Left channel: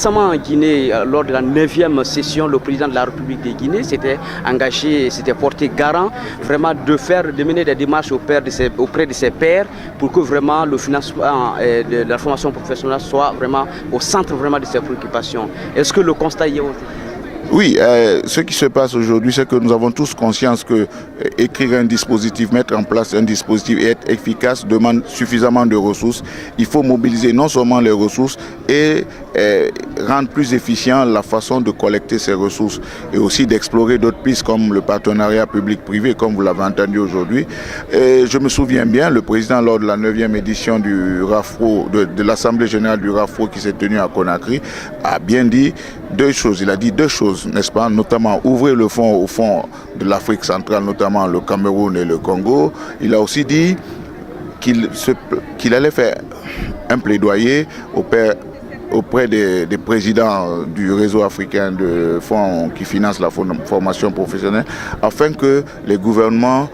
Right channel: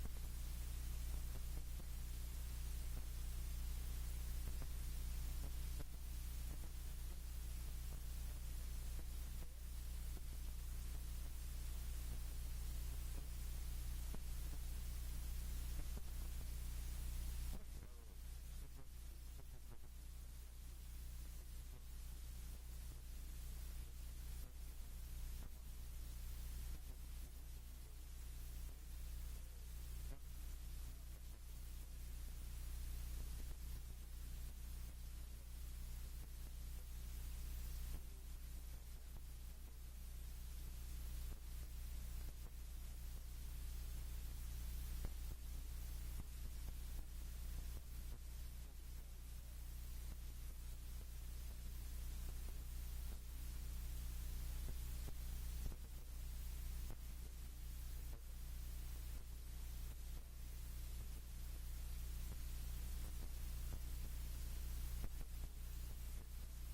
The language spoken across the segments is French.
Récemment en Guinée, lors de la 9e session, le président de la République de Guinée s'était engagé, s'était porté garant vraiment de mener des démarches auprès de ses pairs pour que vraiment le financement de la formation professionnelle soit vraiment au centre vraiment de ses préoccupations. Est-ce que le constat y est aussi? Oui, ce qui se passe aujourd'hui, c'est que nous avons tous conscience que écrire un dispositif, mettre en place un dispositif et être efficace demande suffisamment de ressources. Il faut mobiliser non seulement les ressources et rendre plus efficient la façon de collecter ces ressources et aussi d'explorer d'autres pistes comme le partenariat public-privé, comme vous l'avez entendu aujourd'hui. Je me souviens bien, le président, lors de la 9e édition du RAFPRO, de l'Assemblée générale du RAFPRO qui s'est tenue à Conakry, a bien dit deux choses. Il a dit deux choses, n'est-ce pas, notamment ouvrir le fonds au fond de l'Afrique centrale, notamment le Cameroun et le Congo. Il a aussi dit qu'il allait faire un plaidoyer auprès des présidents du réseau africain de fonds qui finance la formation professionnelle afin que les gouvernements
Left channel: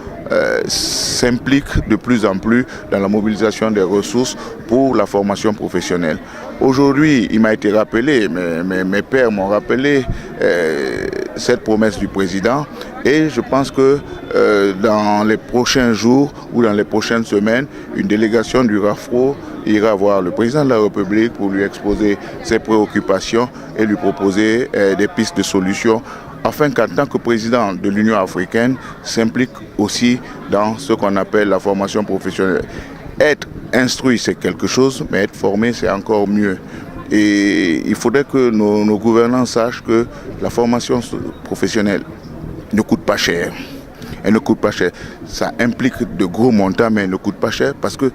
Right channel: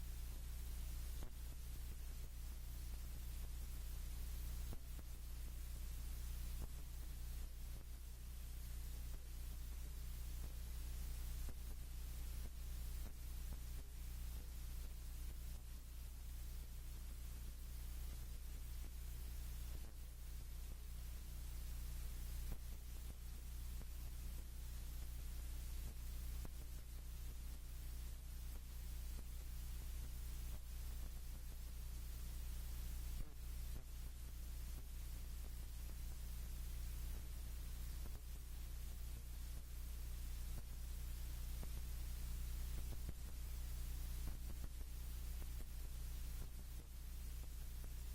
s'impliquent de plus en plus dans la mobilisation des ressources pour la formation professionnelle. Aujourd'hui, il m'a été rappelé, mes pairs m'ont rappelé cette promesse du président et je pense que dans les prochains jours ou dans les prochaines semaines, une délégation du RAFPRO ira voir le président de la République pour lui exposer ses préoccupations et lui proposer des pistes de solutions afin qu'en tant que président de l'Union africaine, s'implique aussi dans ce qu'on appelle la formation professionnelle. Être instruit, c'est quelque chose, mais être formé, c'est encore mieux. Et il faudrait que nos gouvernants sachent que la formation professionnelle ne coûte pas cher. Elle ne coûte pas cher. Ça implique de gros montants, mais elle ne coûte pas cher parce que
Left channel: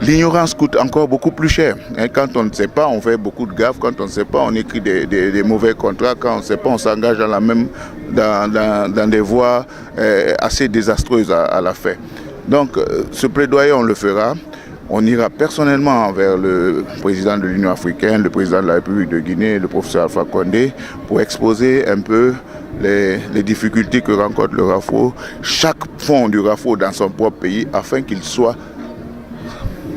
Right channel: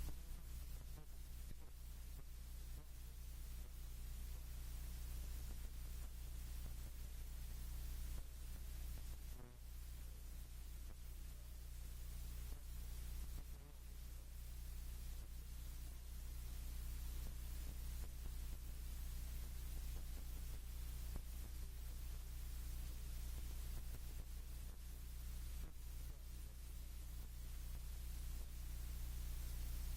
l'ignorance coûte encore beaucoup plus cher. Quand on ne sait pas, on fait beaucoup de gaffes. Quand on ne sait pas, on écrit des mauvais contrats. Quand on ne sait pas, on s'engage dans des voies assez désastreuses à la fin. Donc, ce plaidoyer, on le fera. On ira personnellement vers le président de l'Union africaine, le président de la République de Guinée, le professeur Alpha Condé, pour exposer un peu les difficultés que rencontre le RAFPRO, chaque fonds du RAFPRO dans son propre pays, afin qu'il soit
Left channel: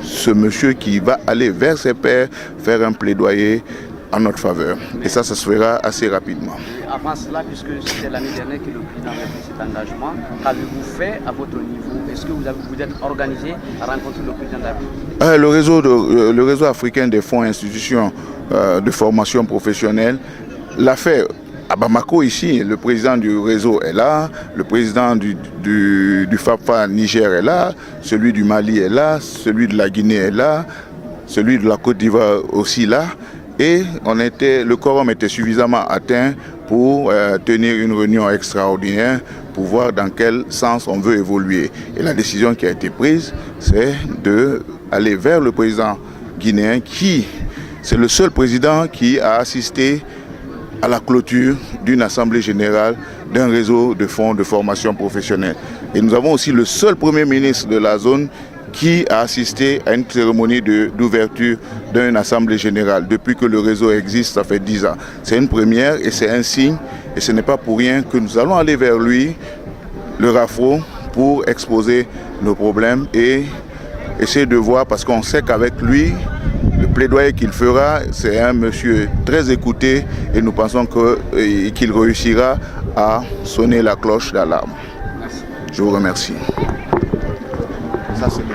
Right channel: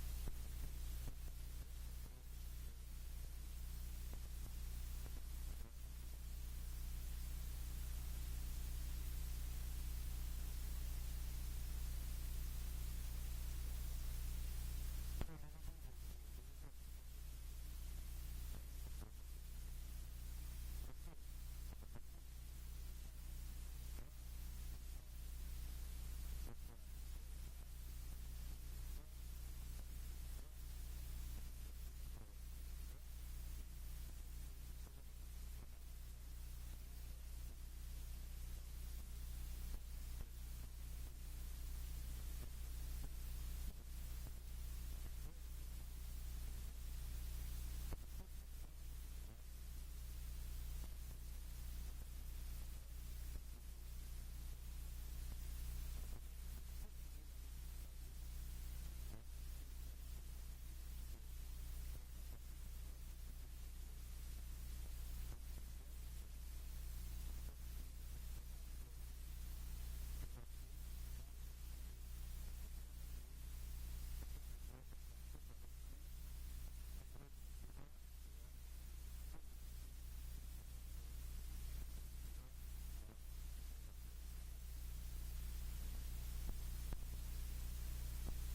ce monsieur qui va aller vers ses pairs faire un plaidoyer en notre faveur. Et ça se fera assez rapidement. Avant cela, puisque c'était l'année dernière que le président avait pris cet engagement, qu'avez-vous fait à votre niveau? Est-ce que vous êtes organisé à rencontrer le président de la République? Le réseau africain des fonds et institutions de formation professionnelle l'a fait. À Bamako, ici, le président du réseau est là, le président du FAFA Niger est là, celui du Mali est là, celui de la Guinée est là, celui de la Côte d'Ivoire aussi là. Et le quorum était suffisamment atteint pour tenir une réunion extraordinaire pour voir dans quel sens on veut évoluer. Et la décision qui a été prise, c'est d'aller vers le président guinéen c'est le seul président qui a assisté à la clôture d'une assemblée générale d'un réseau de fonds de formation professionnelle. Et nous avons aussi le seul premier ministre de la zone qui a assisté à une cérémonie d'ouverture d'une assemblée générale. Depuis que le réseau existe, ça fait 10 ans. C'est une première et c'est un signe, et ce n'est pas pour rien que nous allons aller vers lui, le RAFPRO, pour exposer nos problèmes et essayer de voir, parce qu'on sait qu'avec lui, le plaidoyer qu'il fera, c'est un monsieur très écouté et nous pensons qu'il réussira à sonner la cloche d'alarme. Je vous remercie. Ça, c'est